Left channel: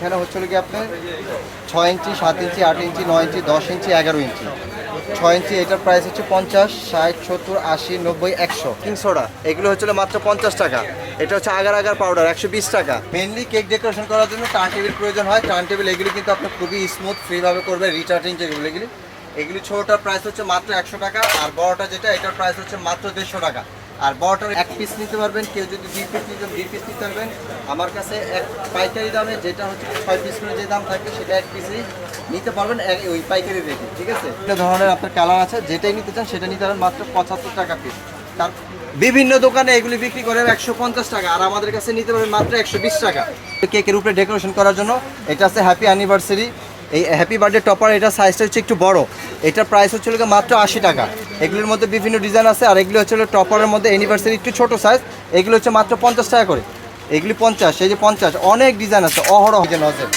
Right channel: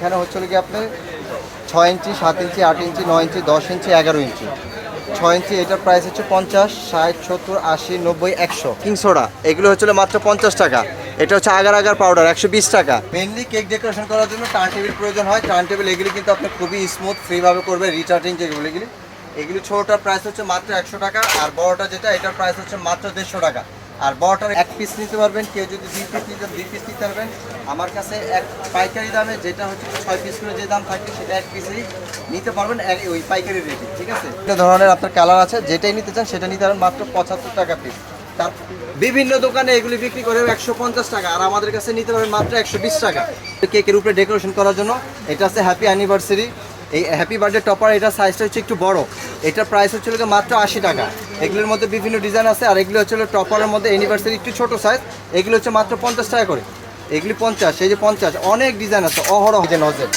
এখানে হচ্ছে কি আপনি ছয় ইঞ্চি সাত ইঞ্চি আট ইঞ্চি নয় ইঞ্চি দশ ইঞ্চি এগারো ইঞ্চি। ছয় ইঞ্চি এটার প্রাইস হচ্ছে পঞ্চাশ ষাট সত্তর আশি নব্বই একশো। কিংসোডা এগুলো হচ্ছে মাত্র পঞ্চাশ টাকা। এটা হচ্ছে আগার আগার পাউডার একশো বিশ টাকা। মেনলি কেক ডেকোরেশন করার জন্য টার্ন টেবিল প্রয়োজন হয়। টার্ন টেবিল এগুলি কিন্তু আপনি খুবই স্মুথ ফ্রিভাবে করবে রিচার্জিং যেগুলো এগুলি। এগুলি ছোটোটার প্রাইস হচ্ছে মাত্র একশো টাকা আর বড়টা যেটা এটার প্রাইস হচ্ছে মাত্র দেড়শো টাকা। আর বড়টার এক পিস নিতে পারবেন, কেউ যদি দুই পিস নিতে দুই পিস নিতে পারবেন। আমার কাছে এক পাইকারি দামে যেটা হচ্ছে ছয় পিস করে যে দাম থাকবে, সেটা এক পিসই নিতে পারবেন ওই পাইকারি রেটে ঠিক আছে? একটা ধরনের আপনার কালার আছে, যেটাই নিতে চান, সেটা নিতে পারেন মাত্র পঁচাত্তর টাকা পিস তার বিভিন্ন দোকানে এগুলি বিক্রি করে একশো পঞ্চাশ টাকা, আর আমাদের কাছে নিতে পারেন মাত্র একশো বিশ টাকা। কেকের উপরে ডেকোরেশন করার জন্য, এটা আছে হ্যাপি অ্যানিভার্সারি এই হ্যাপি বার্থডে টপার এটা সাইজটা হচ্ছে একটু বড়। এটার প্রাইস হচ্ছে মাত্র আশি টাকা। এগুলোর মধ্যে বিভিন্ন ডিজাইন আছে, আর এগুলো হচ্ছে টপারের মধ্যে অ্যানিভার্সারি একটু ছোট সাইজ এগুলো হচ্ছে মাত্র পঞ্চাশ টাকা করে। এগুলি পঞ্চাশ, এই যে পঞ্চাশ, অনেক ডিজাইন আছে, অহরহ যে নজর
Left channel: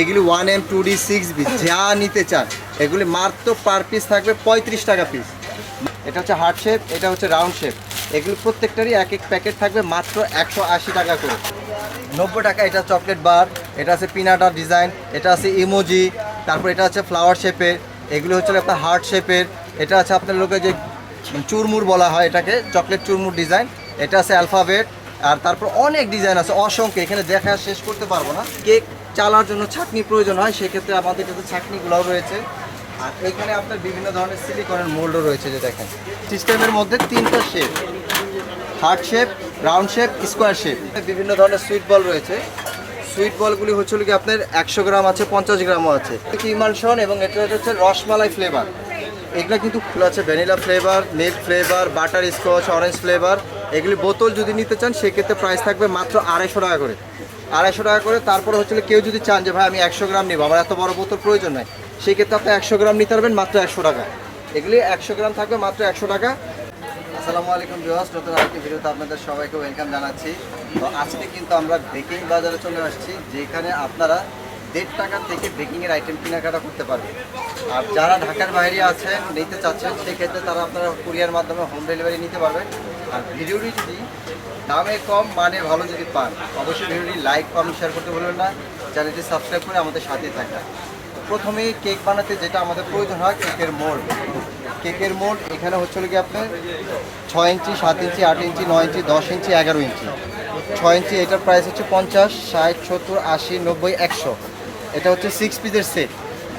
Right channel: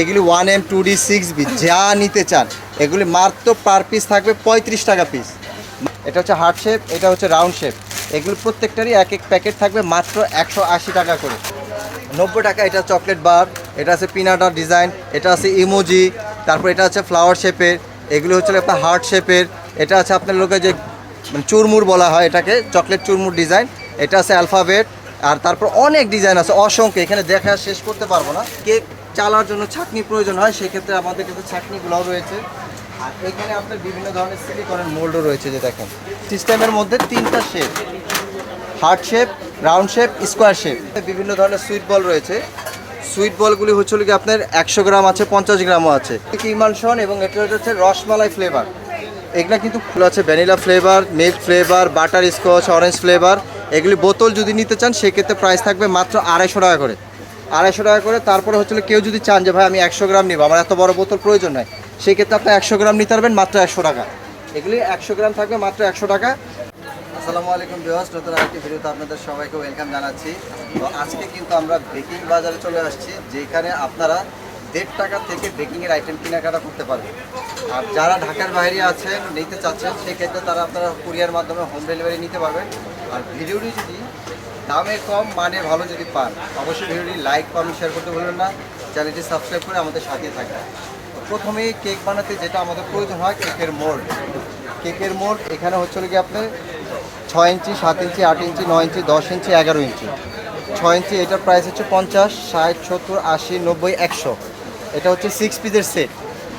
এগুলি one M two D six B যা নিতে চান, এগুলি মাত্র পার পিস থাকবে পঁয়ত্রিশ টাকা পিস এটা হচ্ছে হার্ট শেপ এটা হচ্ছে রাউন্ড শেপ এগুলো প্রত্যেকটারই এক এক প্যাকেট থাকবে মাত্র একশো আশি টাকা করে। নব্বই টাকা, এটা চকলেট বার এটা আছে পিনাটার ডিজাইন, এটা আছে ইমোজি, তারপর এটা আছে ফ্লাওয়ার শেপের, এগুলো হচ্ছে আপনার হার্ট শেপের, এটা আছে আপনার লোকে যে চুরমুর বলা হয় এটাকে, চকলেট চুরমুর ডিজাইন, এটা আছে অ্যালফাবেট, আর তারপর অনেক ডিজাইন আছে, অসংখ্য, এখানে দেখা শেষ করতে পারব না। কেক চালার জন্য ছাকনি প্রয়োজন হয়, সেক্ষেত্রে আমাদের কাছে ছাকনিগুলোও রয়েছে। আর এখানে আপনার বিভিন্ন ধরনের সিলিকনের মোল্ডও রয়েছে, যে দেখেন। সিস্টেমের মধ্যে তিনটা shape heart shape round shape square shape বিভিন্ন ধরনের সুইট বল রয়েছে। সুইট বলগুলি হচ্ছে কি আপনার একশো গ্রাম আছে, পঞ্চাশ গ্রামও আছে। ইমালশন এবং এটা হচ্ছে রসমালাই ফ্লেভার এগুলো কিন্তু আছে, vanilla flavour milk flavour butterscotch orange flavour এগুলি বোতল যদি নিতে চান, সেক্ষেত্রে প্রাইস থাকবে মাত্র আড়াইশো টাকা করে। আড়াইশো টাকা করে, তারপরে হচ্ছে কেউ যদি চান যে, ভাই, আমি একশো গ্রাম নিব, আমার এত বড় বোতল প্রয়োজন নাই। সেই ক্ষেত্রে আপনি একশো গ্রাম নিতে পারবেন মাত্র একশো টাকা। এগুলি একশো গ্রাম থাকবে মাত্র একশো টাকা। আসসালামু আলাইকুম বিহাস নতুন আরেকটি ভিডিওতে আপনাদের সবাইকে ওয়েলকাম জানাচ্ছি। তো আজকে কিন্তু আমরা বেকিং বাজারে চলে আসছি, যেখানে আপনারা দেড় টাকা থেকে বেকিংয়ের আইটেম কেনাকাটা করতে পারবেন। আর যারা ঢাকার বাইরে আছেন, নিতে চাচ্ছেন, সেক্ষেত্রে তারা আপনারা কুরিয়ার মাধ্যমে হোম ডেলিভারি নিতে পারবেন। আর ভিডিওটি যদি দামে কম মানে ভালো যদি পান, অবশ্যই ভিডিওটি লাইক কমেন্ট শেয়ার করতে ভুলবেন না। চ্যানেলটি সাবস্ক্রাইব করে আমাদের সাথে থাকবেন। তো প্রথমেই কেক বানাতে যেটা আমাদের প্রয়োজন হয় কেকের মোল্ড কেকের মোল্ড এখানে হচ্ছে কি আপনার ছয় ইঞ্চি, সাত ইঞ্চি, আট ইঞ্চি, নয় ইঞ্চি, দশ ইঞ্চি, এগারো ইঞ্চি। ছয় ইঞ্চি, এটার প্রাইস হচ্ছে পঞ্চাশ, ষাট, সত্তর, আশি, নব্বই, একশো। এটা হচ্ছে সিক্স পিসের সেট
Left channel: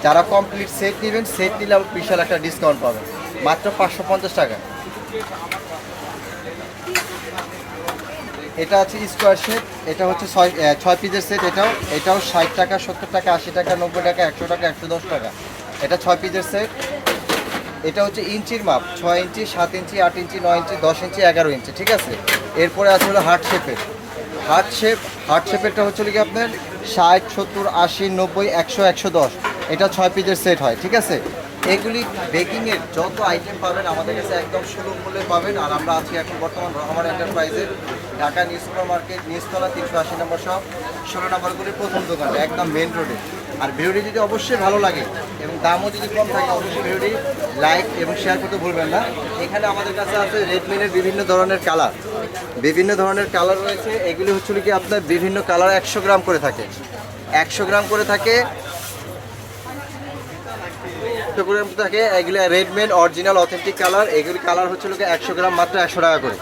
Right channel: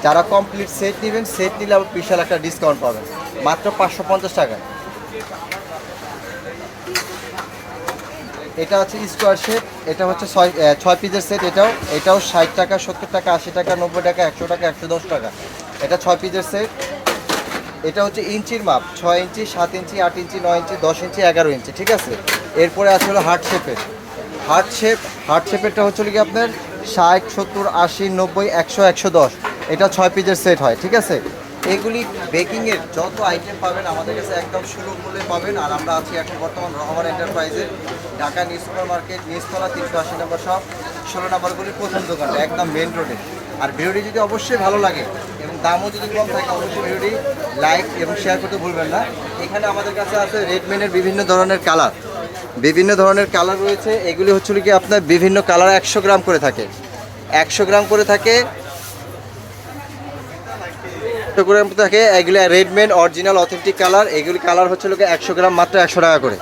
যারা কমপ্লিট সেট নেবেন সেট নিলে আবার বিশাল একটা ডিসকাউন্ট পাবেন। মাত্র পাঁচশো পঞ্চাশ টাকা। এটা হচ্ছে স্কোয়ার শেপ এটা হচ্ছে ছয় ছয় পিসের সেট এটাও। এটাও ষাট টাকা, সত্তর টাকা, আশি টাকা, নব্বই টাকা, একশো টাকা, একশো দশ টাকা। এটা ছয় পিসের সেট এটা হচ্ছে ইঞ্চির মাপ, ছয় ইঞ্চি, সাত ইঞ্চি, আট ইঞ্চি, নয় ইঞ্চি, দশ ইঞ্চি, এগারো ইঞ্চি, ঠিক আছে? এরপরে আছে হলো হার্ট শেপের। হার্ট শেপ, হার্ট শেপেরটা হচ্ছে কি আপনার? ষাট, সত্তর, আশি, নব্বই, একশো একশো দশ। এটা ছয় পিসের সেট হয়, ঠিক আছে? এগুলি বেকিংয়ের যত আইটেম পাবেন আমাদের কাছে একদম সুলভ মূল্যে পাবেন। আর আমরা আছি এখন বর্তমান রহমান এন্টারপ্রাইজের ঢাকা নিউ সুপার মার্কেট নিউজতলা তিনশো আশি নম্বর শপ, ষোলো নম্বরগুলির প্রথম দোকানটা, একদম মেন রোডে আর ভিডিওটি যদি অবশ্যই ভালো লাগে এবং দামও যদি কম থাকে, অবশ্যই ভিডিওটি লাইক এবং শেয়ার করতে ভুলবেন না। এখানে আমাদের কাছে আছে রেডমিনের বিভিন্ন ধরনের কালার বিভিন্ন ধরনের কালার রয়েছে। এগুলি হচ্ছে কি আপনার বিভিন্ন কালার একশো গ্রাম করে থাকে। একশো গ্রাম করে থাকে গ্রাম থাকে, এগুলি রেডমেন অরিজিনাল অথেন্টিক কালার এগুলি কালার হচ্ছে লোকে একশো গ্রাম মাত্র একশো টাকা করে।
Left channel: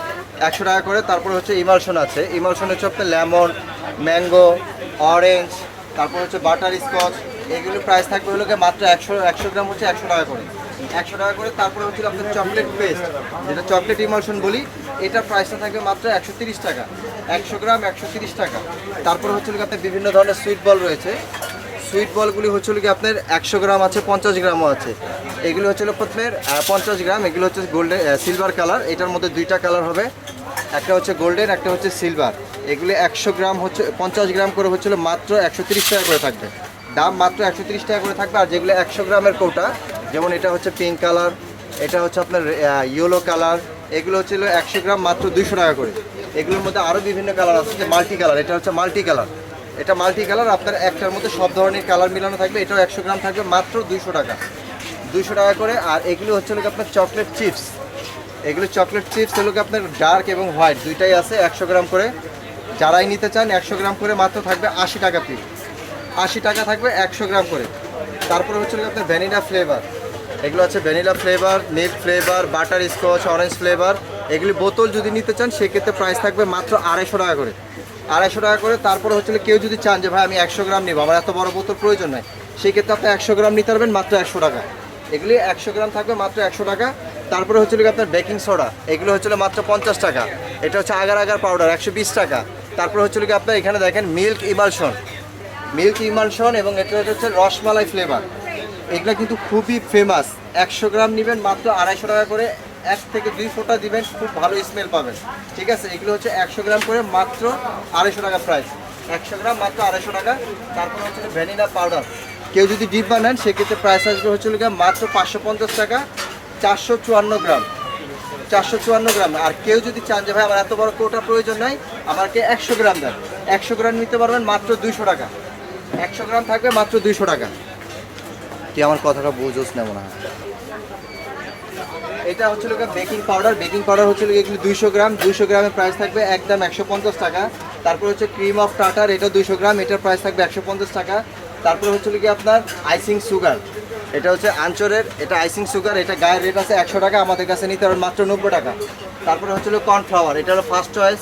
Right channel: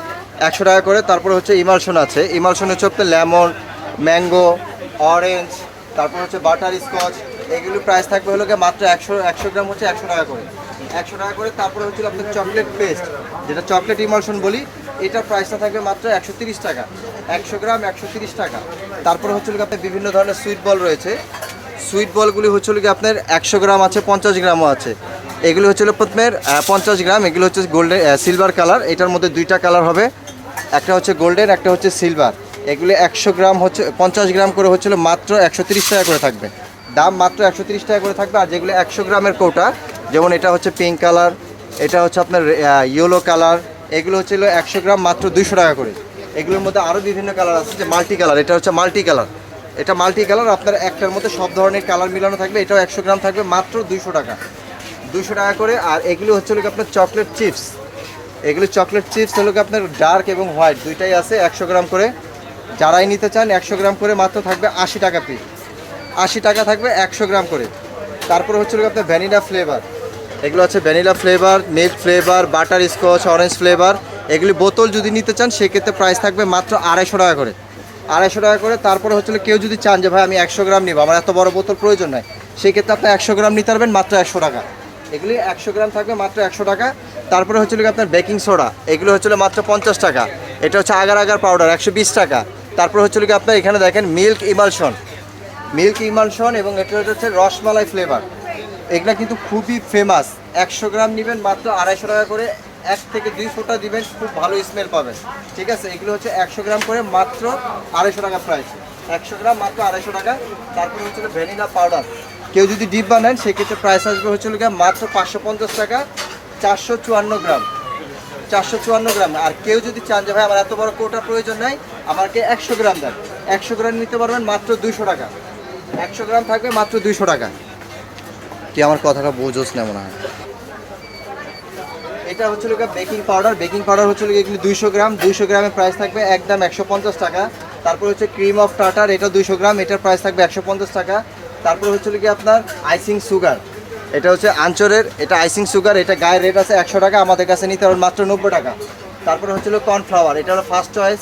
একশো টাকা করে, তারপর হচ্ছে ইমালশন আছে। ইমালশন হচ্ছে আপনার লেমন, ম্যাঙ্গো অরেঞ্জ তারপর হচ্ছে বাটার স্কচ এগুলি প্রাইস থাকবে হলো মাত্র একশো একশো গ্রাম হচ্ছে একশো টাকা করে। একশো টাকা করে তারপরে হচ্ছে আপনার চকলেট পেস্ট যেটা চকলেট ইমলশন বলি এটার প্রাইসটা থাকবে মাত্র একশো টাকা। একশো গ্রাম একশো টাকা। তারপরে হচ্ছে লোকে আপনার বিভিন্ন ধরনের সুইট বল রয়েছে। সুইট বলগুলি হচ্ছে হলো কি আপনার একশো গ্রাম আছে, পঞ্চাশ গ্রামও আছে। এগুলো হচ্ছে প্রথমের পঞ্চাশ গ্রাম, এগুলো হচ্ছে গোল্ডেন সিলভার কালার এটার মধ্যে দুইটা কালার হবে। একটা হচ্ছে গোল্ডেন একটা হচ্ছে সিলভার এগুলো একশো গ্রাম হচ্ছে, পঞ্চাশ গ্রাম করে হচ্ছিল মাত্র একশো টাকা করে থাকবে। দাম মাত্র একশো টাকা করে থাকবে, আর যেগুলো একশো গ্রামের কৌটা, যেমন এটা হচ্ছে পিঙ্ক কালার এটা হচ্ছে আপনার ইয়েলো কালার এগুলো হচ্ছিল একশো গ্রাম মাত্র দুইশো টাকা করে। এগুলোর মধ্যে আরও বিভিন্ন কালার আছে, যে মাল্টি কালার এটা হচ্ছে মাল্টি কালার এটা মাল্টি কালার আপনার একটার মধ্যে সব ধরনের কালার মিলানো থাকবে, এটাও একশো গ্রাম থাকবে মাত্র দুইশো টাকা। দুশো টাকা করে, আর এগুলো হচ্ছে লোক আপনার চকলেট চিপস এগুলো চকলেট চিপস হলো কি আপনার ডার্ক এবং হোয়াইট দুইটাই আছে একশো গ্রাম করে। যারাই নিতে চান একশো গ্রাম করে মাত্র থাকবে আশি টাকা পিস আশি টাকা থাকবে একশো গ্রাম করে। তারপরে হচ্ছে আপনার ভ্যানিলা ফ্লেভার এগুলো হচ্ছে vanilla flavour net flavour butterscotch orange flavour এগুলি বোতল যদি নিতে চান, সেক্ষেত্রে প্রাইস থাকবে মাত্র আড়াইশো টাকা করে। আড়াইশো টাকা করে, তারপরে হচ্ছে কেউ যদি চান যে, ভাই, আমি একশো গ্রাম নিবো, আমার এত বড় বোতল প্রয়োজন নাই। সেই ক্ষেত্রে আপনি একশো গ্রাম নিতে পারবেন মাত্র একশো টাকা। এগুলি একশো গ্রাম থাকবে মাত্র একশো টাকা। তারপরে হচ্ছে হলো আপনার বেকিং সোডা এগুলো হচ্ছে হলো মাত্র পঞ্চাশ টাকা। এটা হচ্ছে আগার আগার পাউডার একশো বিশ টাকা। তারপর হচ্ছে কি আপনার এখানে দেখেন মিল্ক ইমালশন। মিল্ক ইমালশন এবং এটা হচ্ছে রসমালাই ফ্লেভার এগুলো কিন্তু খুবই ফেমাস একশো গ্রাম নেবেন মাত্র আড়াইশো টাকা করে। এক থেকে দুই ফোঁটা দিবেন, খুব ভালো স্মেল পাবেন। ঠিক আছে? এগুলো হচ্ছে একশো গ্রাম করে মাত্র আড়াইশো টাকা প্রাইস একশো গ্রাম মাত্র আড়াইশো টাকা। তারপর হচ্ছে ভ্যানিলা পাউডার কেউ যদি ডিপ বানান, সেক্ষেত্রে প্রাইস আসবে হচ্ছে মাত্র পাঁচশো পঞ্চাশ টাকা, চারশো চুয়ান্ন গ্রাম। চারশো চুয়ান্ন গ্রাম। আর কেউ যদি চান যে, ভাই, আমার এত বড় কোটা প্রয়োজন নাই, আমাকে একশো গ্রাম দেন। একশো গ্রাম নিতে পারবেন মাত্র দুইশো টাকা। একশো গ্রাম থাকবে মাত্র দুইশো টাকা। কি আমার কথাটা বোঝোস না মনে হয়? এটা হচ্ছে লোক বেকিং পাউডার। বেকিং পাউডার হচ্ছে লোক এগুলি দুইশো গ্রাম। দুইশো গ্রামের প্রাইস থাকবে একদম একশো পঞ্চাশ টাকা। তারপর হচ্ছে ক্রিম অফ টাটার এটা দুইশো গ্রাম। এটার প্রাইস থাকবে একশো পঞ্চাশ টাকা। তারপর হচ্ছে কি আপনার আইসিং সুগার এটা হচ্ছে আঞ্চরের এটা আইসিং সুগার এটা গায়ের রেট আছে একশো টাকা, আমাদের কাছে নিতে হবে মাত্র নব্বই টাকা। তারপরে হচ্ছে কর্নফ্লাওয়ার এটা হলো ফার্স্ট চয়েস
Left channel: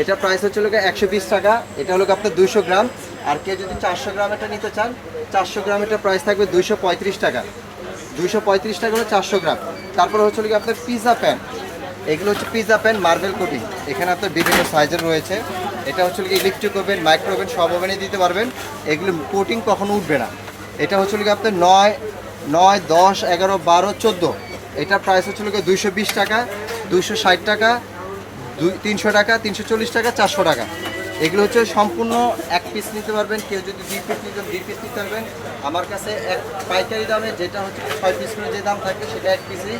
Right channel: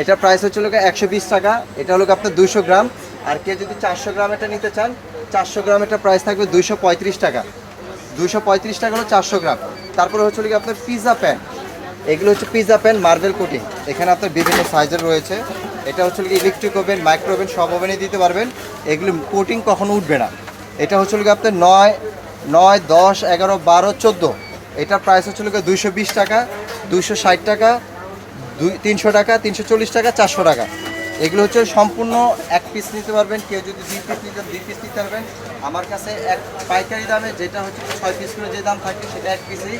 এটার প্রাইস হচ্ছে লোক একশো বিশ টাকা, এটা হলো আপনার দুশো গ্রাম, আর কেউ যদি চারশো গ্রাম এটা নিতে চান, চারশো গ্রাম এটা প্রাইস থাকবে দুইশো পঁয়ত্রিশ টাকা। দুশো পঁয়ত্রিশ টাকা হলো চারশো গ্রাম। তারপরে হচ্ছে কি আপনার পিৎজা প্যান এগুলো হচ্ছে পিৎজা প্যান মার্বেল কোটিং এখানে আপনার বিভিন্ন সাইজের রয়েছে। এটা হচ্ছে কি ইলেকট্রিক ওভেন মাইক্রো ওভেন সব ওভেনে দিতে পারবেন। এগুলো কোটিং কখনো উঠবে না। এটা হচ্ছে কি আপনার নয় নয়, দশ, এগারো, বারো, চোদ্দ। এটার প্রাইস হচ্ছিল গিয়ে দুইশো বিশ টাকা, দুইশো ষাট টাকা, দুই, তিনশো টাকা, তিনশো চল্লিশ টাকা, চারশো টাকা। এগুলো হচ্ছে সম্পূর্ণ এক পিস নিতে পারবেন, কেউ যদি দুই পিস নিতে দুই পিস নিতে পারবেন। আমার কাছে এক পাইকারি দামে যেটা হচ্ছে ছয় পিস করে যে দাম থাকবে, সেটা এক পিসই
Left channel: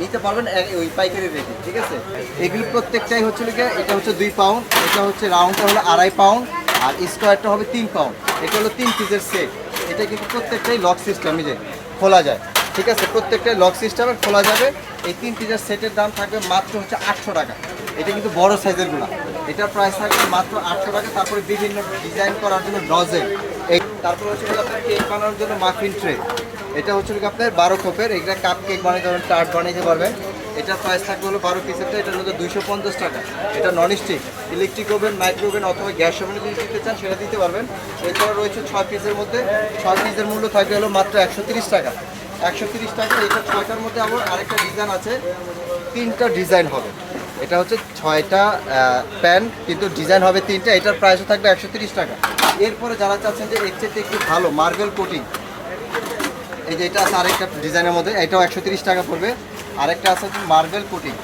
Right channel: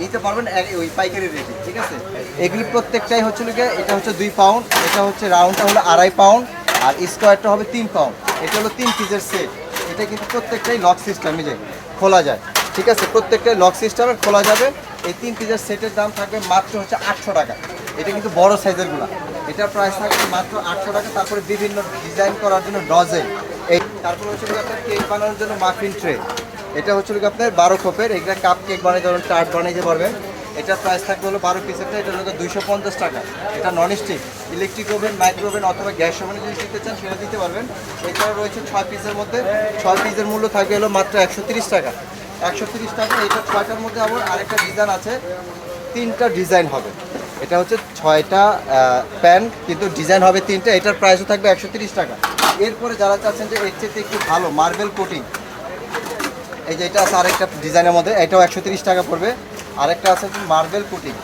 নিতে পারবেন ওই পাইকারি রেটে ঠিক আছে? এগুলি প্রত্যেকটাই হচ্ছে গিয়ে, এটা হচ্ছে দুই পাউন্ড এটা হচ্ছে রাউন্ডটা হলো আড়াই পাউন্ড আর স্কোয়ারটা হবে তিন পাউন্ড এটা হলো তিন পিসের সেট এটা কিন্তু প্রত্যেকটাই লক সিস্টেম যে। খোলা যায়। ঠিক আছে? প্রত্যেকটা লক সিস্টেমে খোলা যাবে। এই তিন পিসের সেটের দাম থাকবে মাত্র হচ্ছে আটশো টাকা। এটা কিন্তু বড় সাইজেরগুলা। এটার প্রাইস থাকবে মাত্র আটশো টাকা। তারপরে বিভিন্ন ডিজাইন করার জন্য ডজে এই তারপরে হচ্ছে আপনার কেক বানানোর জন্য মাফিন ট্রে এটা হচ্ছে আপনার বারো কোপের এটা কাপ কেক বানিয়ে ধরুন টার্ট বানাইতে পারবেন। এটার প্রাইস থাকবে হলো বারো পিসেরটা এটা হলো দুইশো পঞ্চাশ টাকা। এটা non stick electric oven micro oven অথবা গ্যাস ওভেনে যদি দিতে চান, সেটা দিতে পারবেন। এছাড়া রয়েছে ছয় পিসের মধ্যে, ছয় পিসের মূল্য থাকবে হলো মাত্র একশো টাকা। একশো টাকা এটা ছয়টার মধ্যে আবার আরেকটা ডিজাইন আছে, তিনটা ডিজাইন হবে। এটা হচ্ছে ছয়টা প্যান কিন্তু ডিজাইন হবে তিনটা, এটার প্রাইসও থাকবে একশো টাকা। এরপরে যারা চাচ্ছেন যে এর চেয়ে একটু ভালো মার্বেল কোটিং এই যে এটা আছে আরেকটা ডিজাইনের মধ্যে, এটাও একশো টাকা পড়বে। আরেকটা আছে মার্বেল কোটিং।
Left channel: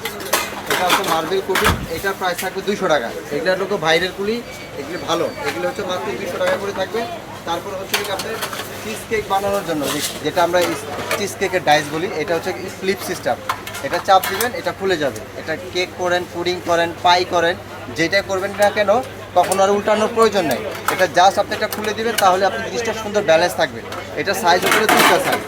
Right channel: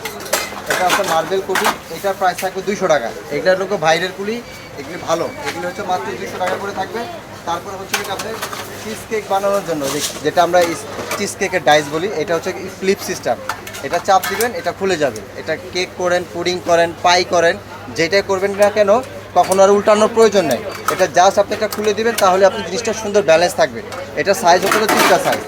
এটা হচ্ছে মার্বেল কুলি এটার প্রাইস থাকবে দুইশো টাকা। এগুলো হলো ভাইরের কুলি, এগুলি ভালো। এগুলো হচ্ছে মাত্র দুইশো টাকা করে থাকবে। তারপরে হচ্ছে আপনার চিজ কেক বানানোর জন্য যেটা আমরা চিজ কেকের ডাইস বলি, এটা হচ্ছে ফ্লিপ সিস্টেম এটা চাপ দিবেন, এটা খুলে যাবে। এটা কেক করেন পুডিং করেন পাই করেন যেটাই করবেন না কেন, কখনো আর উল্টানোর প্রয়োজন নেই। এটা জাস্ট আপনি এটা খুলে দিবেন, তাহলে আপনি জিনিসটা সুন্দর ব্যালেন্স থাকবে। এটা সাইজ হচ্ছে দুটা সাইজ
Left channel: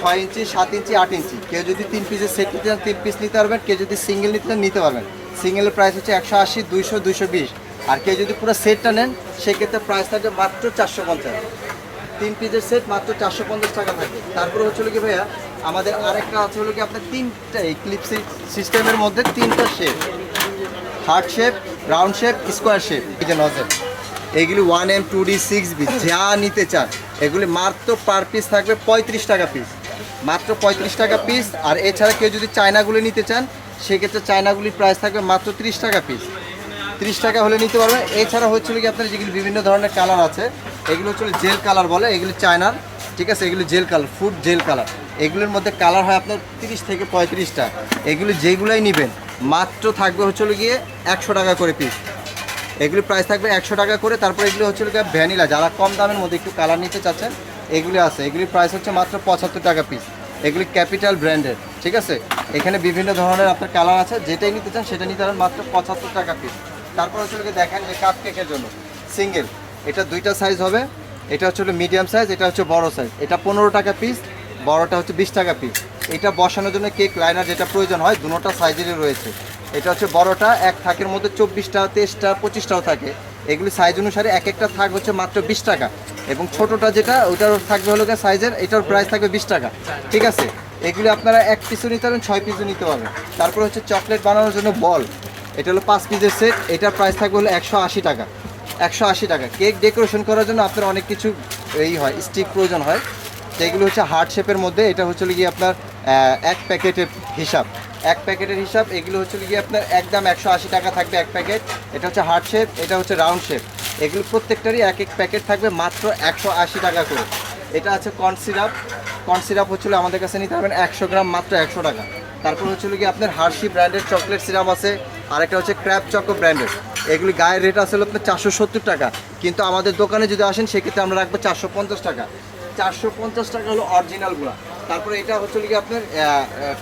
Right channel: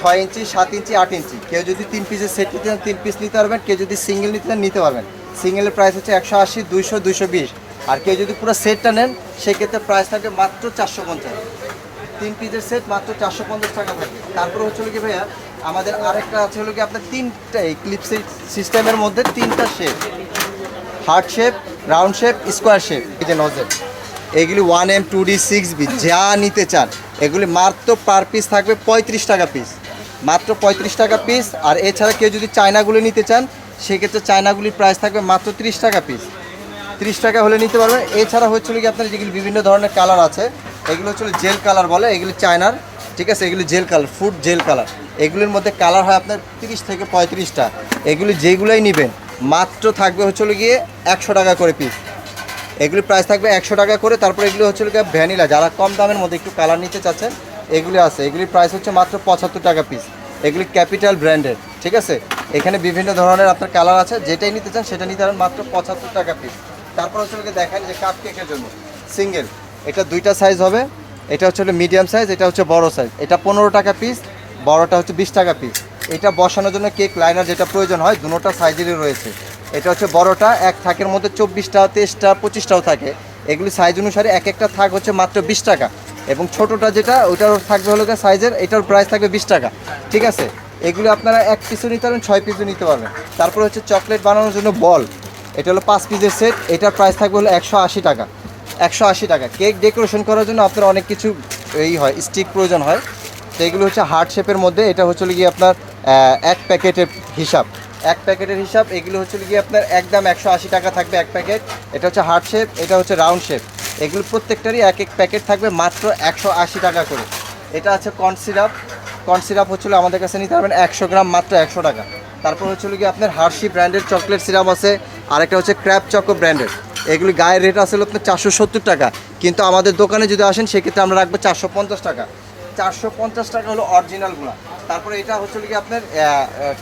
ছয় ইঞ্চি, সাত ইঞ্চি, আট ইঞ্চি। কেউ যদি তিন পিসের সেট নিতে চান, তিন পিস নিতে পারবেন। কেউ যদি সিঙ্গেল নিতে চান, নিতে পারবেন। সিঙ্গেলের প্রাইস হচ্ছে একশো আশি, দুইশো দুইশো বিশ। আর কেউ যদি পুরো সেটটা নেন, সেক্ষেত্রে প্রাইস থাকে মাত্র চারশো পঞ্চাশ। তিন পিসের সেট মাত্র চারশো পঞ্চাশ টাকা থাকে। তারপরে হচ্ছে কি ভাইয়া, আমাদের আরেকটা আছে হলো কি আপনার তিনটা এই ক্লিপ সিস্টেমের মধ্যে তিনটা shape heart shape round shape square shape এই যে নজেল এগুলি one M two D six B যা নিতে চান। এগুলি মাত্র পার পিস থাকবে পঁয়ত্রিশ টাকা পিস মাত্র পঁয়ত্রিশ টাকা পিস আর এছাড়া কেউ যদি চায়নাগুলি নিতে চান, সেক্ষেত্রে চায়নাগুলির প্রাইস থাকবে মাত্র তিরিশ টাকা পিস তিরিশ টাকা হলে নিতে পারবেন এছাড়া হচ্ছিল কি আপনার যেগুলি বিভিন্ন ধরনের কালার আছে, এগুলো হচ্ছে জেল কালার বলে, এগুলি চায়নার, ঠিক আছে? এগুলি gel colour food gel colour এগুলির মধ্যে কালার হয় আপনার তিরিশ থেকে পঁয়ত্রিশটা। এগুলি যেগুলোই নেবেন, মাত্র থাকবে হচ্ছিল গিয়ে একশো টাকা করে পিস এগুলি প্রাইস থাকবে একশো টাকা করে। তারপরে এগুলো হচ্ছে গিয়ে ভ্যানিলা যারা কম দামের মধ্যে একটু কালার নিতে চাচ্ছেন এগুলি আছে। এগুলির প্রাইস হচ্ছে মাত্র পঁচাত্তর টাকা পিস এগুলি ক্যাপিটাল ব্র্যান্ডের ঠিক আছে? এখানে বিভিন্ন ধরনের আপনার কালার আছে, যেটাই নিতে চান সেটা নিতে পারেন মাত্র পঁচাত্তর টাকা পিস তারপর হচ্ছে দেখেন যে কাপ কেকের জন্য। সিঙ্গেল এটা দুইটা সাইজ হবে। এটা হচ্ছে মিডিয়াম সাইজ এটা হচ্ছে বড় সাইজ এটা পনেরো টাকা পিস বড়টা হচ্ছে বিশ টাকা পিস এটা বসানোর জন্য কেক লাইনার যেটা প্রয়োজন হয় দুটোটা সাইজেরই রয়েছে। এটা হচ্ছে বড়টা, এক থাকের মধ্যে চব্বিশটা, তেইশটা, পঁচিশটাও থাকে। এগুলি সাইজ অনুসারে এক একটা থাক হচ্ছে মাত্র বিশ টাকা। এবং ছোটোটা যেটা ওটার থাকবে হলো সাইজের এটার প্রাইস থাকবে বিশ টাকা। ঠিক আছে? এগুলো আপনারা এক পিসও নিতে পারবেন ছয় পিসও নিতে পারবেন। তারপর হচ্ছে চকলেট বানানোর জন্য বল এটা হলো পাঁচ পিসের সেট এটার প্রাইস থাকবে হলো একশো আশি টাকা। একশো আশি টাকা। কেক ডেকোরেশন করার জন্য আপনার অনেক কিছু এই হয় স্টিক প্রয়োজন হয়। তো এগুলো হচ্ছে হার্ট শেপের মধ্যে, এটা হচ্ছে গিয়ে আপনার এক প্যাকেটের হিসাব। এক প্যাকেটের হিসাব, এগুলো হচ্ছে গিয়ে আপনার একদম একশো আশি টাকা থাকবে এক প্যাকেট। এটা হচ্ছে হার্ট শেপ, এটা হচ্ছে রাউন্ড শেপ। এগুলো প্রত্যেকটারই এক এক প্যাকেট থাকবে মাত্র একশো আশি টাকা করে। এটা আছে কর্ন সিরাপ। কর্ন সিরাপ হচ্ছিল আমাদের কাছে নিতে পারবেন একশো গ্রাম মাত্র একশো টাকা। তারপর হচ্ছিল কি আপনার হার্শি ব্র্যান্ডের চকলেট সিরাপ আছে আর একটা হচ্ছে ক্র্যাপ চকো ব্র্যান্ডের এগুলি গায়ের রেট আছে হলো আপনার চারশো সত্তর টাকা। কিন্তু আমাদের দোকানে যদি আসেন, সেক্ষেত্রে আমরা রাখব চারশো পঞ্চাশ টাকা। চারশো পঞ্চাশ টাকা হলো অরিজিনালগুলো তারপরে এটা হচ্ছে কি আপনার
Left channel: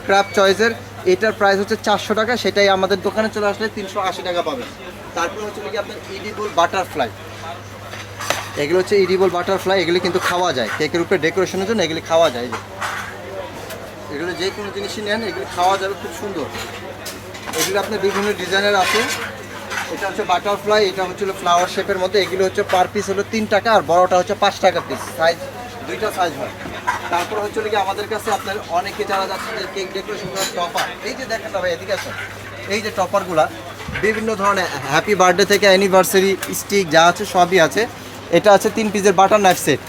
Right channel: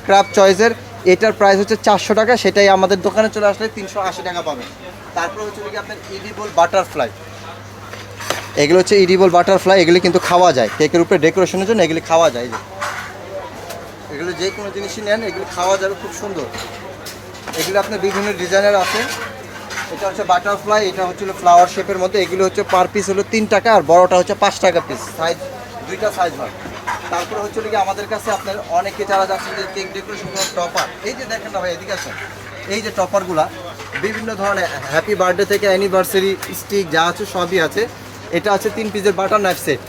ক্র্যাপ চয়েসের এটার প্রাইস হচ্ছে চারশো টাকা, সেটাই আমাদের দোকানে চলে আসলে তিনশো আশি টাকা পাবেন তারপর হচ্ছে কি আপনার ইডিবল বাটারফ্লাই এগুলো হচ্ছে ইডিবল বাটারফ্লাই এগুলি কিন্তু খাওয়া যায়। কেকের উপরে ডেকোরেশনের জন্য এগুলি খাওয়া যায় এগুলো যে কোনো জিনিসই নেন, এগুলো খাওয়া যাবে খুব সুন্দর। এগুলো আপনার বিভিন্ন ডিজাইনের আছে। এটা হচ্ছে বাটারফ্লাই এটা হচ্ছে ফ্লাওয়ার শেপের মধ্যে। এগুলো হচ্ছে পার পিস হলো তিন টাকা, আর বড়টা হচ্ছে পাঁচ টাকা পিস সাইজ দুইটা সাইজ হয়। তারপরে হচ্ছে কি আমাদের কাছে আপনার অনেকে যারা যাচ্ছে যে কেক ডেকোরেশন টপার এই যে দেখেন না ভাই, এদিকে আসেন। এই যে টপারগুলা বিভিন্ন ধরনের হ্যাপি বার্থডে থেকে অ্যানিভার্সারি স্টিক যা আছে সবই আছে। এটা আছে তিন পিসের বাটার নাইফ সেট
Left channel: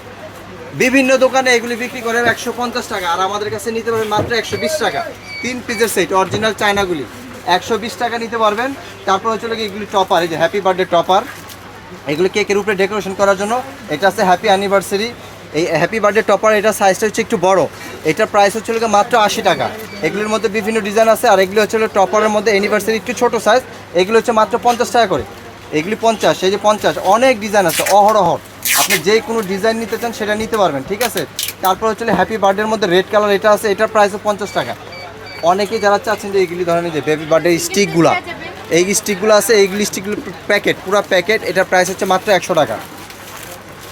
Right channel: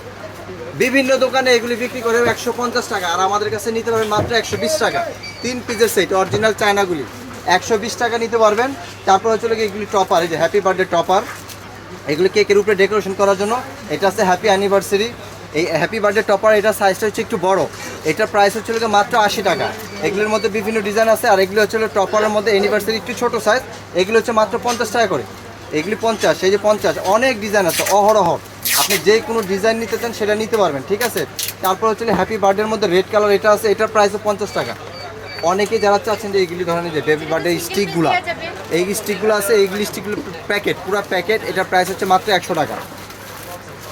বিভিন্ন দোকানে এগুলি বিক্রি করে একশো পঞ্চাশ টাকা, আর আমাদের কাছে নিতে পারবেন মাত্র একশো বিশ টাকা। তিন পিসের সেট অরিজিনাল চায়নাগুলি। একশো বিশ টাকা নিতে পারবেন। তারপর হচ্ছে কি এগুলি টপার এই যে হ্যাপি বার্থডে টপার এগুলো কেকের উপরে ডেকোরেশন করার জন্য। এটা আছে হ্যাপি অ্যানিভার্সারি এই হ্যাপি বার্থডে টপার এটা সাইজটা হচ্ছে একটু বড়। এটার প্রাইস হচ্ছে হলো গিয়ে মাত্র আশি টাকা। এগুলোর মধ্যে বিভিন্ন ডিজাইন আছে, আর এগুলো হচ্ছে হলো টপারের মধ্যে অ্যানিভার্সারি একটু ছোট সাইজ এগুলো হচ্ছে মাত্র পঞ্চাশ টাকা করে। এগুলি পঞ্চাশ, এই যে পঞ্চাশ, অনেক ডিজাইন আছে, অহরহ। আপনি যে কোনো ডিজাইন নিতে চান সেটা নিতে পারবেন, ঠিক আছে? তারপর হচ্ছে হ্যাপি বার্থডের মধ্যে রেড কালার এটা আছে, এটার প্রাইস পঞ্চাশ টাকা। অনেকে যারা চাচ্ছেন যে এইগুলি ধরনের যে বেবি বার্থডে স্টিকগুলো এই স্টিকগুলো আছে এইগুলি স্টিকগুলো প্যাকেট পুরো প্যাকেট এটার প্রাইস হচ্ছে মাত্র একশো টাকা।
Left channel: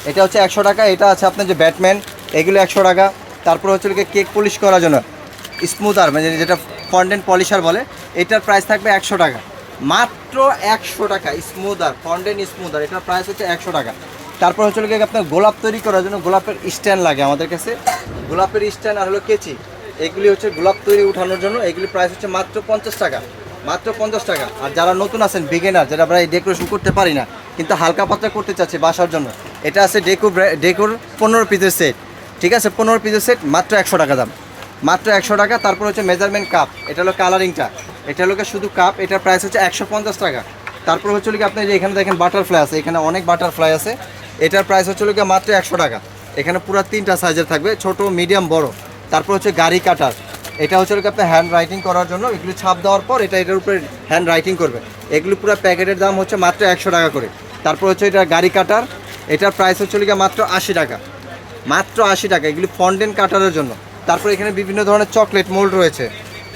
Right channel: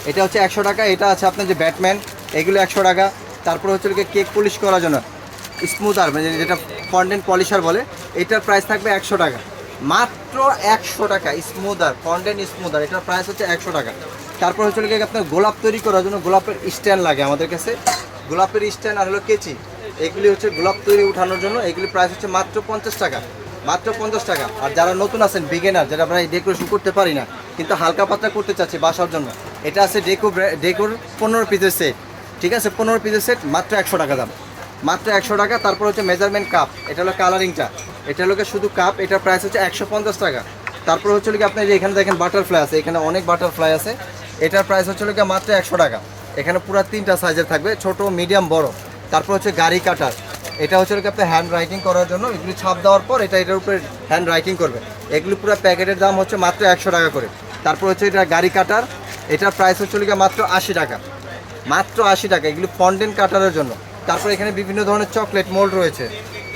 এটা হচ্ছে একশো টাকা, এটা আছে আপনার যে ব্যাটম্যান, এগুলো একশো টাকা। তারপর হচ্ছে কেক পলিশ করার জন্য স্মুথার মানে যেটা ফন্ডেন্ট পলিশার বলে, এটার প্রাইস থাকবে একশো টাকা। মাত্র একশো টাকা স্মুদার ফন্ডেন্ট স্মুদার এটার প্রাইস হচ্ছে একশো টাকা। তারপর হচ্ছে কি আপনার গোলাপ তৈরি করার জন্য গোলাপের স্ট্যান্ড লাগে আমাদের কাছে। গোলাপের স্ট্যান্ড আর হলো কেচি, এগুলি হচ্ছে গোলাপ তৈরি উঠানোর জন্য, এগুলি প্রাইস হচ্ছে মাত্র পঞ্চাশ টাকা, মাত্র পঞ্চাশ টাকা। আর যারা নতুন আছেন বিগেনার যারা আমরা এই ডেকোরেশন করতে পারি না কিন্তু হালকা পাতলা করতে চাচ্ছি বাসার জন্য। এটা আছে ডেকো ডেকোর পনেরো পিসের সেট ঠিক আছে? পনেরো পিসের সেট মাত্র একশো টাকা দাম। মাত্র একশো টাকা, তারপর হচ্ছে মেজারমেন্ট কাপ এটা হলো কালারিংটা এটা হলো শুধু কাপ এটার প্রাইস হচ্ছে একশো পঞ্চাশ টাকা। তারপর হচ্ছে কি আপনার এখানে দেখেন বাটারফ্লাই আছে। এখানে অনেক বাটারফ্লাই আছে। এটার প্রাইস হচ্ছে কি মাত্র একশো টাকা। এখানে পুরো তিনটা সাইজের থাকবে, ছোট মিডিয়াম বড়। তারপর হচ্ছে গাড়ি কাটার। এটা হচ্ছে কি আপনার হ্যান্ড রাইটিং করার জন্য। এগুলি ছাপ দেওয়ার পর এটা এটার উপরে হ্যান্ড রাইটিং করবে। এগুলি পুরো প্যাকেটের দাম হচ্ছে মাত্র একশো টাকা করে। তারপর হচ্ছে এটা গাড়ি কাটার, এটার প্রাইস হচ্ছে গিয়ে মাত্র আশি টাকা। মাত্র আশি টাকা, এগুলি ফন্ডেন কাটারের জন্য। তারপর এখানে বিভিন্ন ধরনের চকলেট মোল্ড রয়েছে।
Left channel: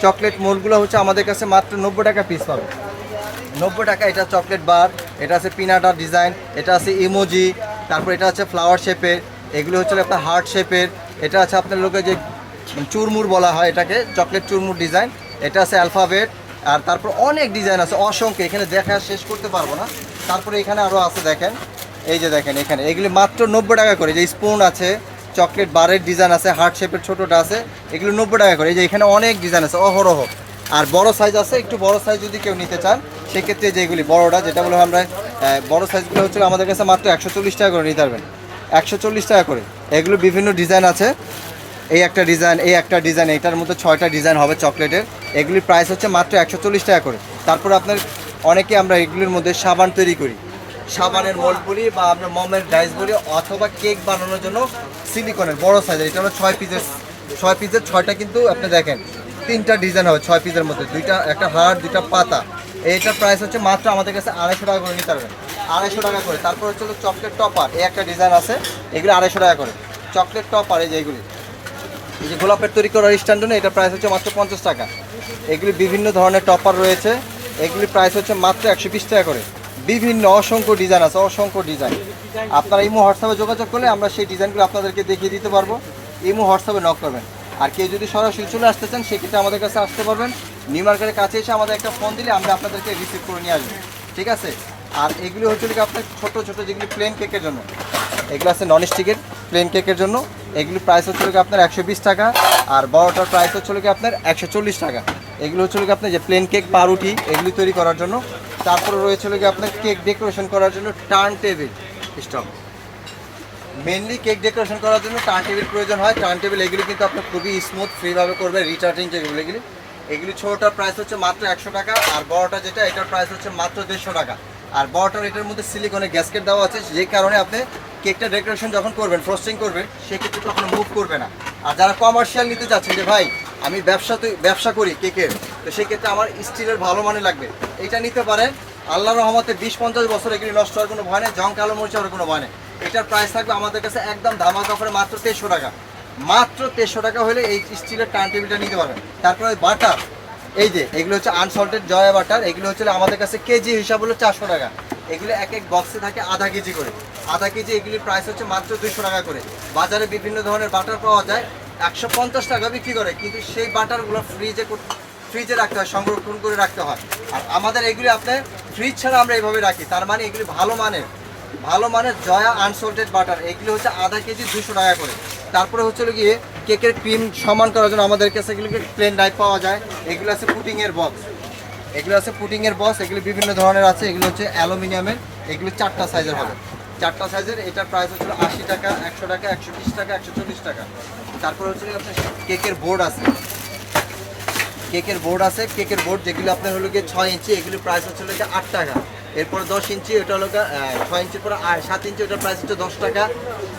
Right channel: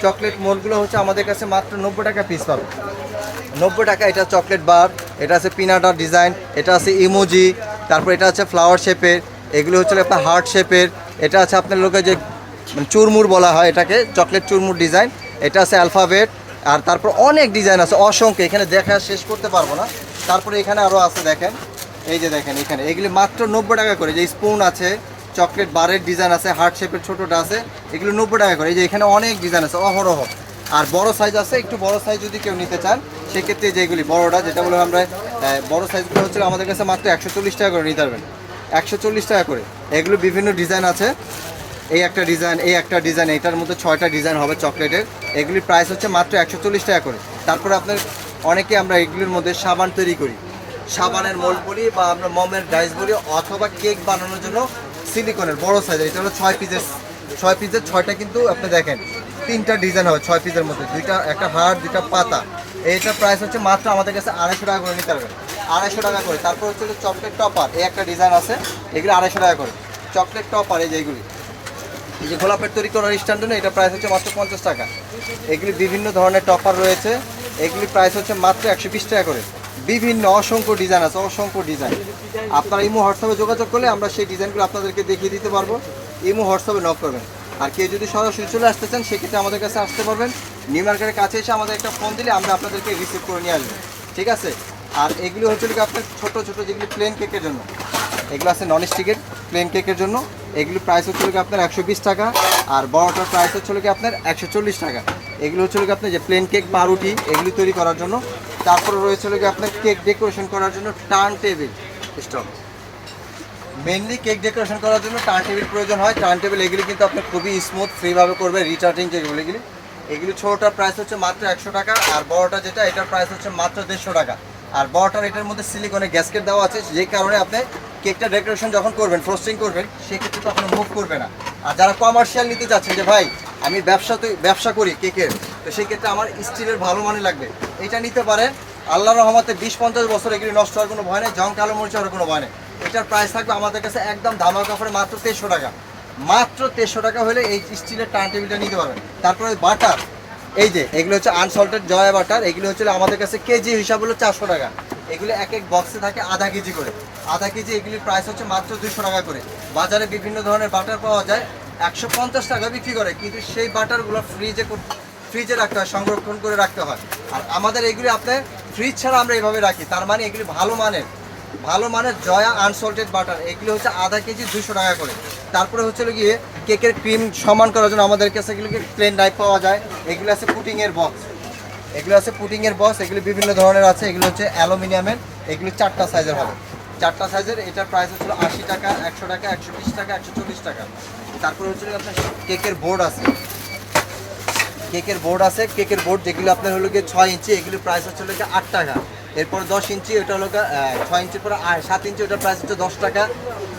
চকলেট মোল্ডগুলো হচ্ছে আমাদের কাছে মাত্র নব্বই টাকা পিস পাবে। নব্বই টাকা, এটা চকলেট বার এটা আছে পিনাটার ডিজাইন এটা আছে ইমোজি তারপর এটা আছে ফ্লাওয়ার শেপের এগুলো হচ্ছে আপনার হার্ট শেপের এটা আছে আপনার লোকে যে চুরমুর বলা হয় এটাকে চকলেট চুরমুর ডিজাইন এটা আছে অ্যালফাবেট আর তারপর অনেক ডিজাইন আছে, অসংখ্য, এখানে দেখা শেষ করতে পারব না। তারপরে এখানে আরও আছে দেখেন। এই যে দেখেন এখানে। এগুলি মাত্র নব্বই টাকা করে। যে স্পুন আছে চকলেট বারের ডিজাইন আছে হার্ট শেপের ছোটোটা আছে, এগুলো নব্বই টাকা করে। এই যে এখানে অনেক ডিজাইন আছে, অহরহ। আর বড় সাইজ আছে, একটু বড় সাইজ যদি কেউ নিতে চান, সেক্ষেত্রে যেগুলি বড়টা, যেটা বলে আমরা বড় সাইজগুলো হচ্ছে আমাদের কাছে মাত্র একশো চল্লিশ টাকা করে নিতে পারবেন। একশো চল্লিশ টাকা করে। এগুলো বিভিন্ন ডিজাইন আছে। এই একটা ডিজাইন এই একটা ডিজাইন এটার মতো ছয়টা ডিজাইন হবে চকলেটের এগুলির প্রাইস হচ্ছে মাত্র একশো চল্লিশ টাকা করে। তারপরে আপনার অনেকে আমরা এগুলির মধ্যে সাবান তৈরি করি। সাবানের মোল্ড বলি বা আমরা মমের ডাইস বলি অথবা কেক বানানোর জন্য সিলিকনের বড় সাইজের এটা হলো ছয় পিসের ছয় পিসের ছয়টা কিন্তু আপনি দেখেন, তিনটা ডিজাইন হবে ছয় পিসের মধ্যে, দুইটা, একটা হাড়, দুইটা পাতা। এইটার প্রাইস হচ্ছে মাত্র আমাদের কাছে আড়াইশো টাকা করে নিতে পারবেন আড়াইশো টাকা করে, তারপর হচ্ছে হলো চকলেট টপার এই একটা ডিজাইন আছে, এগুলো আড়াইশো টাকা করে। চকলেট টপার এই যে এগুলি। এই যে গোলাপের তৈরি করার স্ট্যান্ড এটা প্রাইস হচ্ছে মাত্র পঞ্চাশ টাকা। এগুলি বিভিন্ন ধরনের টপার রয়েছে। এগুলির প্রাইস হচ্ছে মাত্র একশো বিশ টাকা করে। বিভিন্ন অসংখ্য ডিজাইন আছে, অসংখ্য ডিজাইন আপনারা ইমো হোয়াটসঅ্যাপে যোগাযোগ করলে আমরা সেই ডিজাইনগুলো আপনাদেরকে দেখিয়ে দিতে পারব। ইমো হোয়াটসঅ্যাপে নক করবেন। আর কেউ যদি সরাসরি চলে আসতে চান, সেক্ষেত্রে আমাদের কাছে আসতে পারবেন। নিউ মার্কেটের কাছে এসে আমাদের একটা ফোন দিলে আমরা আপনাদেরকে রিসিভ করে নিয়ে আসব। ঠিক আছে? আর এগুলো হচ্ছে কি আপনার ছোট ছোট যেগুলি প্লেন কেকের জন্য। এগুলো আছে নন স্টিকের প্লেন কেকের জন্য। এগুলি প্রাইস হচ্ছে কি আপনার একশো বিশ টাকা। আর বড়টার প্রাইস হচ্ছে কি আপনার একশো চল্লিশ টাকা। এগুলো হচ্ছে কি আপনার যে প্লেন কেক পাউরুটি, এগুলি তৈরি করার জন্য। তারপরে রয়েছে কি আপনার কেক ডেকোরেশন করার জন্য turntable stop mainly cake decoration করার জন্য টার্ন টেবিল প্রয়োজন হয়। টার্ন টেবিল এগুলি কিন্তু আপনি খুবই স্মুথ ফ্রিভাবে করবে রিচার্জিং যেগুলো এগুলি। এগুলি ছোটোটার প্রাইস হচ্ছে মাত্র একশো টাকা আর বড়টা যেটা, এটার প্রাইস হচ্ছে মাত্র দেড়শো টাকা। আর বড়টার এটার মধ্যে সিলিকনে গ্যাসকেট দেওয়া আছে, যে কারণে আপনি কেকটা ডেকোরেশন যখন করবেন ফ্রস্টিং করবেন, সেক্ষেত্রে কখনো মুভ করবে না। আর যারা কমার্শিয়াল নিতে চাচ্ছেন যে, ভাই আমি ব্যবসা ব্যবসা করি কেকের তো সেক্ষেত্রে আমার স্টিলের ভালো মানে লাগবে। এটা নিতে পারে। আল্লাহ রহমতে বিশ পঞ্চাশ বছর এগুলি নষ্ট হওয়ার কোনো ভয় নেই, জং কালো মরিচ হওয়ার কোনো ভয় নেই। এটার প্রাইস থাকবে আমাদের কাছে একদম ধামাল কাপড়ে মাত্র তেরোশো টাকা। মাত্র তেরোশো টাকা হলে এই স্টিলের টার্ন টেবিলটা নিতে পারবেন। তারপরে বাটার এই যে, এগুলো হচ্ছে আনসল্টেড জয়া বাটার এগুলো হচ্ছে আমাদের কাছে কেজি হিসাব হলো চারশো টাকা। এগুলো এক এক বক্সে থাকে আধা কেজি করে। আধা কেজি এগুলির প্রাইস হচ্ছে মাত্র দুইশো টাকা করে। বাজারে বিভিন্ন ধরনের বাটার পাওয়া যায়। একশো পঞ্চাশ টাকা বিক্রি করে, কিন্তু সেই বাটারগুলো ফ্রিজে ফ্রিজে রাখতে হয়, সংরক্ষণ করে রাখতে হয়। আর আমাদের এগুলি আপনি ফ্রিজ ছাড়া আমরা এইভাবে রাখি, তার মানে এগুলি ভালো মানের ভালো মানের জয়া আনসল্টেড বাটার এগুলি হচ্ছে আধা কেজি দুশো টাকা করে। তারপরে হচ্ছে গিয়ে কেকের ক্রিম সমান করার জন্য আমাদের কাছে এগুলোকে প্লেন ডাইপ পাওয়া যায়? এগুলো আছে পুটিংয়ের বক্স এগুলো আছে পুটিংয়ের বক্স এগুলো বিভিন্ন ধরনের আছে, এগুলো হচ্ছে অ্যালুমিনিয়ামের, এগুলো চারটা সাইজের হবে। চারটা সাইজের এটার প্রাইস হচ্ছিল আশি টাকা, একশো টাকা, একশো বিশ টাকা, একশো চল্লিশ টাকা। তারপরে হচ্ছে আপনার কেকের বোর্ড আছে। কেকের বোর্ড আছে, কেকের বোর্ড যেগুলো আপনার হলো গিয়ে ছয় ইঞ্চি, এগুলো প্রাইস হচ্ছে হলো গিয়ে আট টাকা। এরপর দশ ইঞ্চি ওটা হলো ছয় ইঞ্চির পর সাত ইঞ্চি, ওটার প্রাইস হচ্ছে দশ টাকা।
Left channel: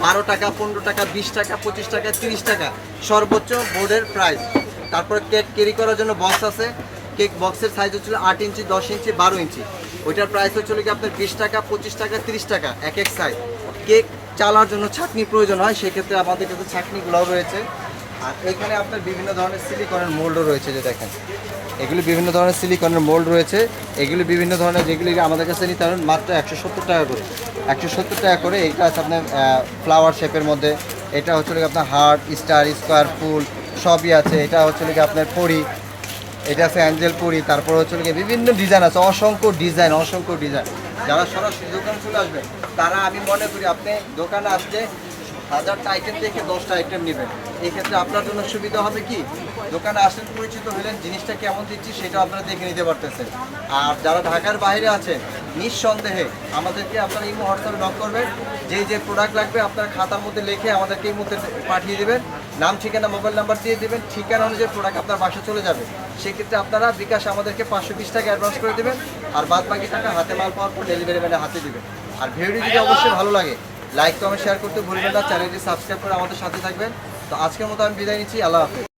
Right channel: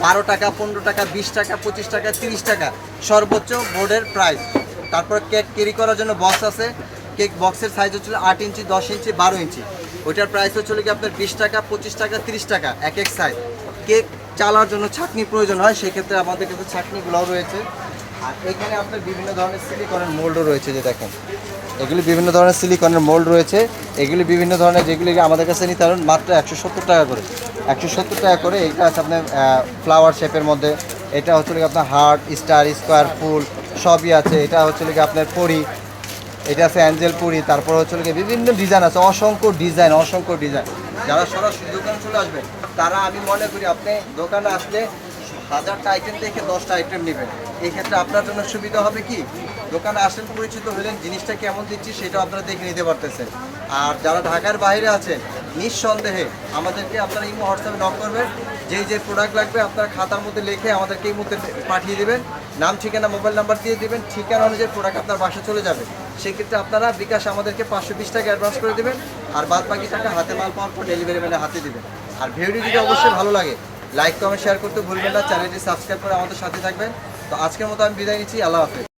বারো টাকা, পনেরো টাকা, বিশ টাকা, পঁচিশ টাকা, তিরিশ টাকা। সর্বোচ্চ বোর্ডের প্রাইস তারপর কেক ক্যারি করার জন্য বক্স আছে। কেক বক্সের সাইজ হচ্ছিল আট ইঞ্চি, দশ ইঞ্চি, বারো ইঞ্চি। ওইটার প্রাইস হচ্ছিল কি আপনার বিশ টাকা, পঁচিশ টাকা, তিরিশ টাকা, এক এক সাইজ কেক চালার জন্য ছাঁকনি প্রয়োজন হয়, সেক্ষেত্রে আমাদের কাছে ছাঁকনিগুলোও রয়েছে। আর এখানে আপনার বিভিন্ন ধরনের সিলিকনের মোল্ডও রয়েছে, যে দেখেন। এগুলি বিভিন্ন ধরনের সিলিকনের মোল্ড রয়েছে। এগুলি বিভিন্ন ধরনের যেগুলি আমাদের কাছে নিতে পারেন মাত্র একশো সত্তর টাকা করে। একশো সত্তর টাকা করে, এটা আছে আপনার ফ্লাওয়ার শেপের মধ্যে। এটা হচ্ছে গিয়ে আপনার হার্ট স্টার স্কোয়ার ফুল, সবই আছে। এটা হচ্ছে গিয়ে আপনার পরি। এটা আছে অ্যাঞ্জেল পুরি। তারপর হচ্ছে গিয়ে বিভিন্ন ডিজাইন আছে। অসংখ্য ডিজাইন অসংখ্য ডিজাইন যারা সরাসরি দোকানে চলে আসবেন তারা আমি মনে করি আপনি দোকানে আসলে হাজারটা আইটেম থেকে দশটা আইটেম নেবেন। এক্ষেত্রে আপনার জন্য সুবিধা হবে কি? দোকানে আসেন পরিচিত হলেন, জিনিসটা কেমন দিচ্ছি সেটা আপনারা দেখে নিতে পারতেছেন। আর যারা ঢাকার বাইরে আছেন নিঃসন্দেহে আমাদেরকে আপনারা এই হোয়াটসঅ্যাপে নক করবেন। যেই যে প্রোডাক্ট লাগবে আপনার খাতার মধ্যে লিখে আমাদেরকে এই মুহূর্তে পাঠিয়ে দেবেন। নাম, ঠিকানা মোবাইল নাম্বার দিয়ে দেবেন। ঠিকানা অনুযায়ী প্রোডাক্ট আপনার বাসা চলে যাবে। সেক্ষেত্রে আপনারা বিকাশ আমাদেরকে পাঁচশো বিশ টাকা অ্যাডভান্স করে দেবেন, আর বাদ বাকি টাকা হাতে মাল পাওয়ার পর ডেলিভারি ম্যানে হাতে দেবেন। আর ভিডিওটি যদি অবশ্যই ভালো লাগে লাইক কমেন্ট শেয়ার করতে ভুলবেন না। চ্যানেলটি সাবস্ক্রাইব করে আমাদের সাথে থাকবেন। তো আজকের মতো আমি বিদায় নিচ্ছি, আল্লাহ হাফেজ।